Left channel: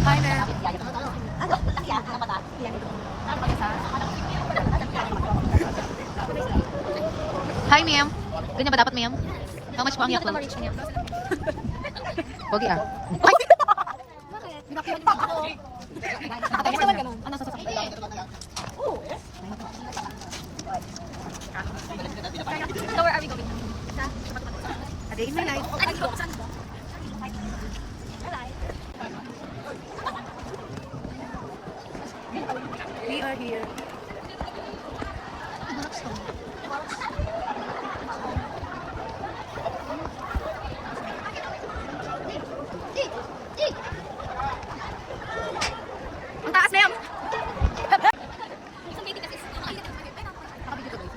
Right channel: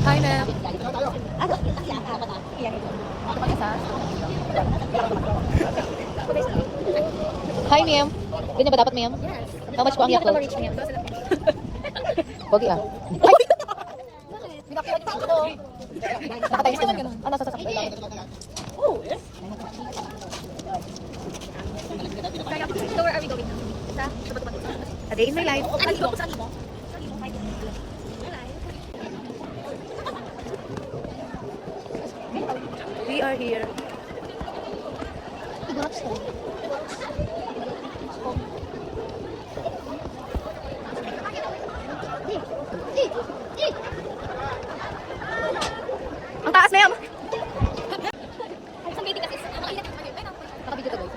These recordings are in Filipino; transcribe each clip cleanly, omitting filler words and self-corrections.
Hi, ma'am. Hi, ma'am. Ganyan ba dapat, ma'am? How much po ang Yakult? Pogi ah. Ay! Nakatayo naman ganun. Ano, sasakit? So where are we going now? A day in my life. We are here. Ang taas, ma'am! Nakabigyo to, guys.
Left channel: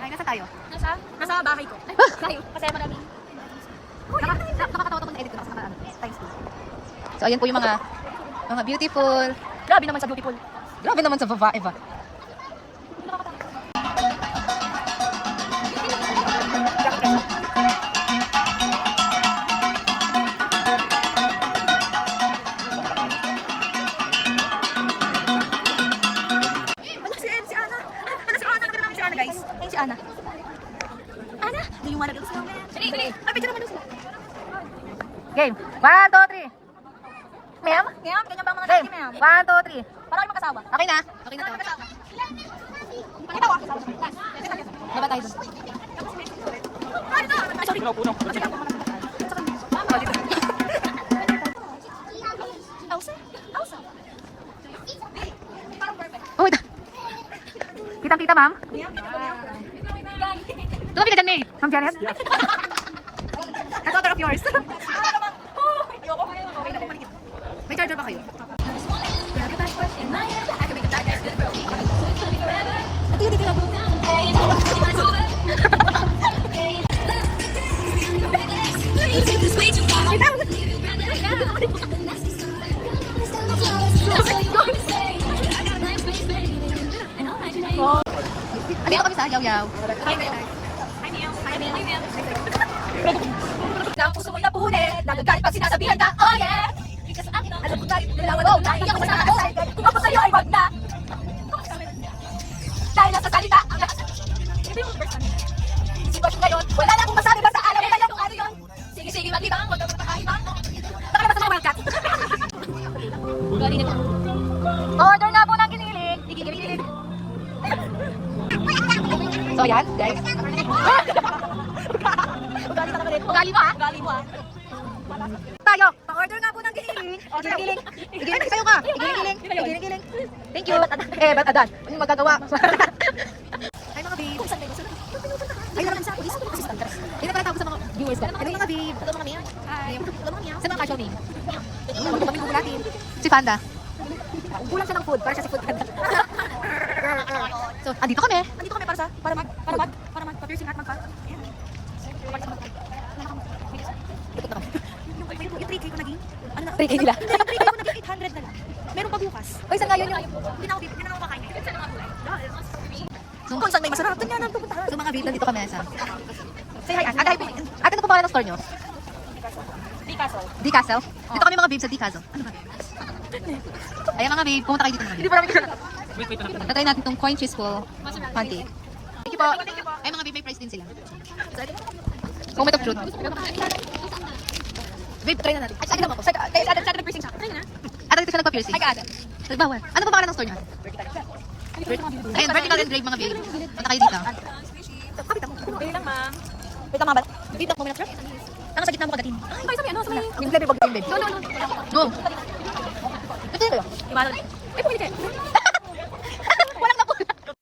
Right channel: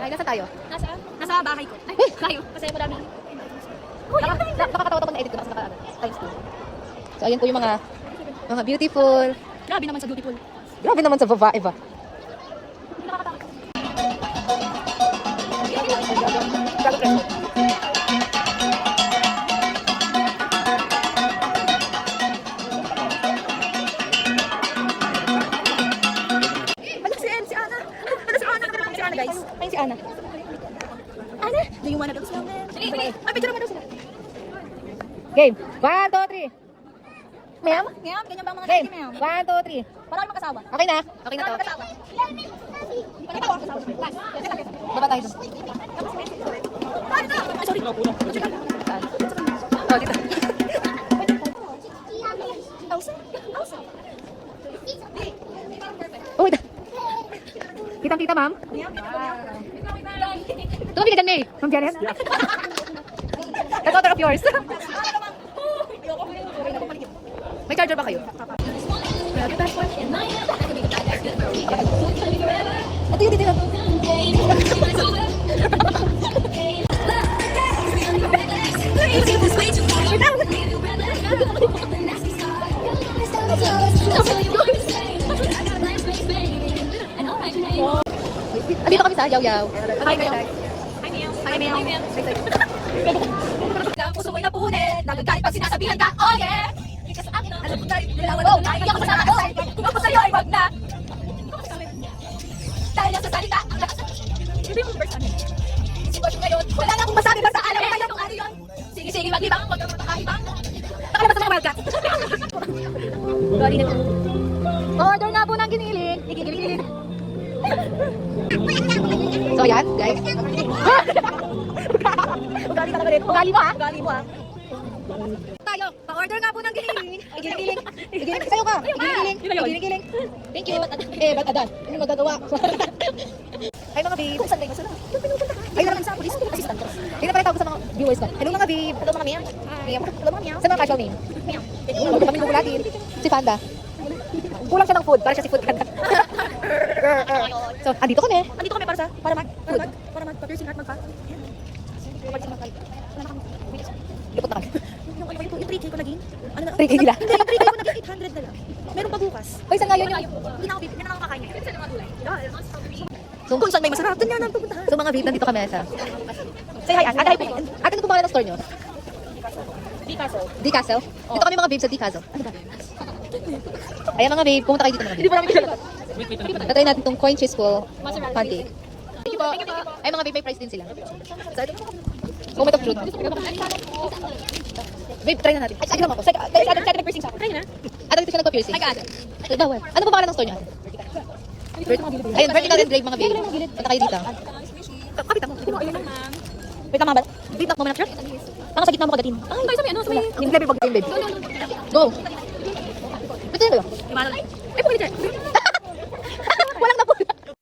Ay, nasa tayo? Nasa bahay ko. Tayo. Kasi marami. Nakakatawa ko na edit ko na kasi naka times 2. So, ayan po yung mga beautiful. Grabe naman sa beautiful. Grabe naman sa babae ba? Si Ana. Nakita si Ana, guys. Ayun si Ana. Ana, do you wanna build snowman? Ay, picture naman daw sila. Game. 1, 2, 3. Ma'am? Ma'am, ganyan ba ang mga Game. lagi, ma'am? 1, 2, 3. Parang kayo makasama. Okay na. Okay na to. Kasama. Ito ako. Baba tayo dun. Ay, sorry. Oh, dito. Elsa? Elsa? Oh, wait. Kitang-kita, ma'am. Tumabi ka dyan, May. Ma'am Janet. That order of yours. May charger ba kayo? Ito yung titira. Andito kami sa Yaw-Yaw. Ang puso mo'y napuhunin, nagagalit pag sinasabihan ka, oh yeah! Alam ko tayo, nalawan tayo, hindi ako masama ko sa'yo, kung ako sa'yo ay wag na! Dahil nasa salita, ang lakas sitwasyon ngayon, wala na akong masabi, basta alam mo kayo kung ano yun! Sige, mag-ibang, huwag kang matakaibang! Nakalabas sa mga wildcat! Order na po ng giniling! Giniling! So yan, guys. Ugali mo ah! Ugali mo ah! Tayo, pa-order nga po ng giniling. Igiling-giling. Igiling, sa'yo ka. Igiling-giling. Igiling-giling. Thank you. Ba't adan? Anong magagawa? Hi mga babe. Kung saan kayo masarap? Yung pinupunta ka. Ayun naman sa police. Hindi na pala tawag sa mga viewers ko. Hello mga babe. Hello mga miyaw. Hi. Hello mga miyaw. Saan ang casual name? Kami gugulatin. Si Panda. Kulang siya ng food. Para siya si food panda. So, andito kami. Andito kami para mag-piercing at magpa. Lupot na kami. Yung 3K ko naging, ano na? 3K lang. Hindi, yung 3K ko naging 800 na lang. Meron pa bukas. Hoy, saan nga yun? Hindi na ako bibig, yan na lang makain. Saan ang mga gulay? So, Kung saan may masarap, doon yan ang pupuntahan. so mga babe, nandito kami sa... Say hi, Ate. Hi, babe. Ate, ano po pangalan ng store nyo? Di kaso. D Castle? Dito kami mga babe sa D Castle. Ano ba? Ayan mga babe, pumunta kayo dito mga babe. Hindi pa namin kilala. Tatry natin itong coin cheeseful pancake. Thank you po. Ay mga babe, may price din sila. Moment of truth. Babe, try na natin. Ay, alam ako. Kaya sa atin nag-piercing sa ako. Kaya na. Ate, dito siya nagpa-piercing. Ay, kaada. Bawal. Ano po pangalan ng store nyo? Ayun, vertical and grave mga babe. Punta kayo dito. Kapit ako. Ayun lang, ma'am. Wait lang, ma'am. Wait lang, moment of truth. Nasa gitna mo kadating. Ay, tayo sa may ano? Sa may... Yung grabe pag-download. No. Go. Ito yun. Diba? Eh, pumili dyan.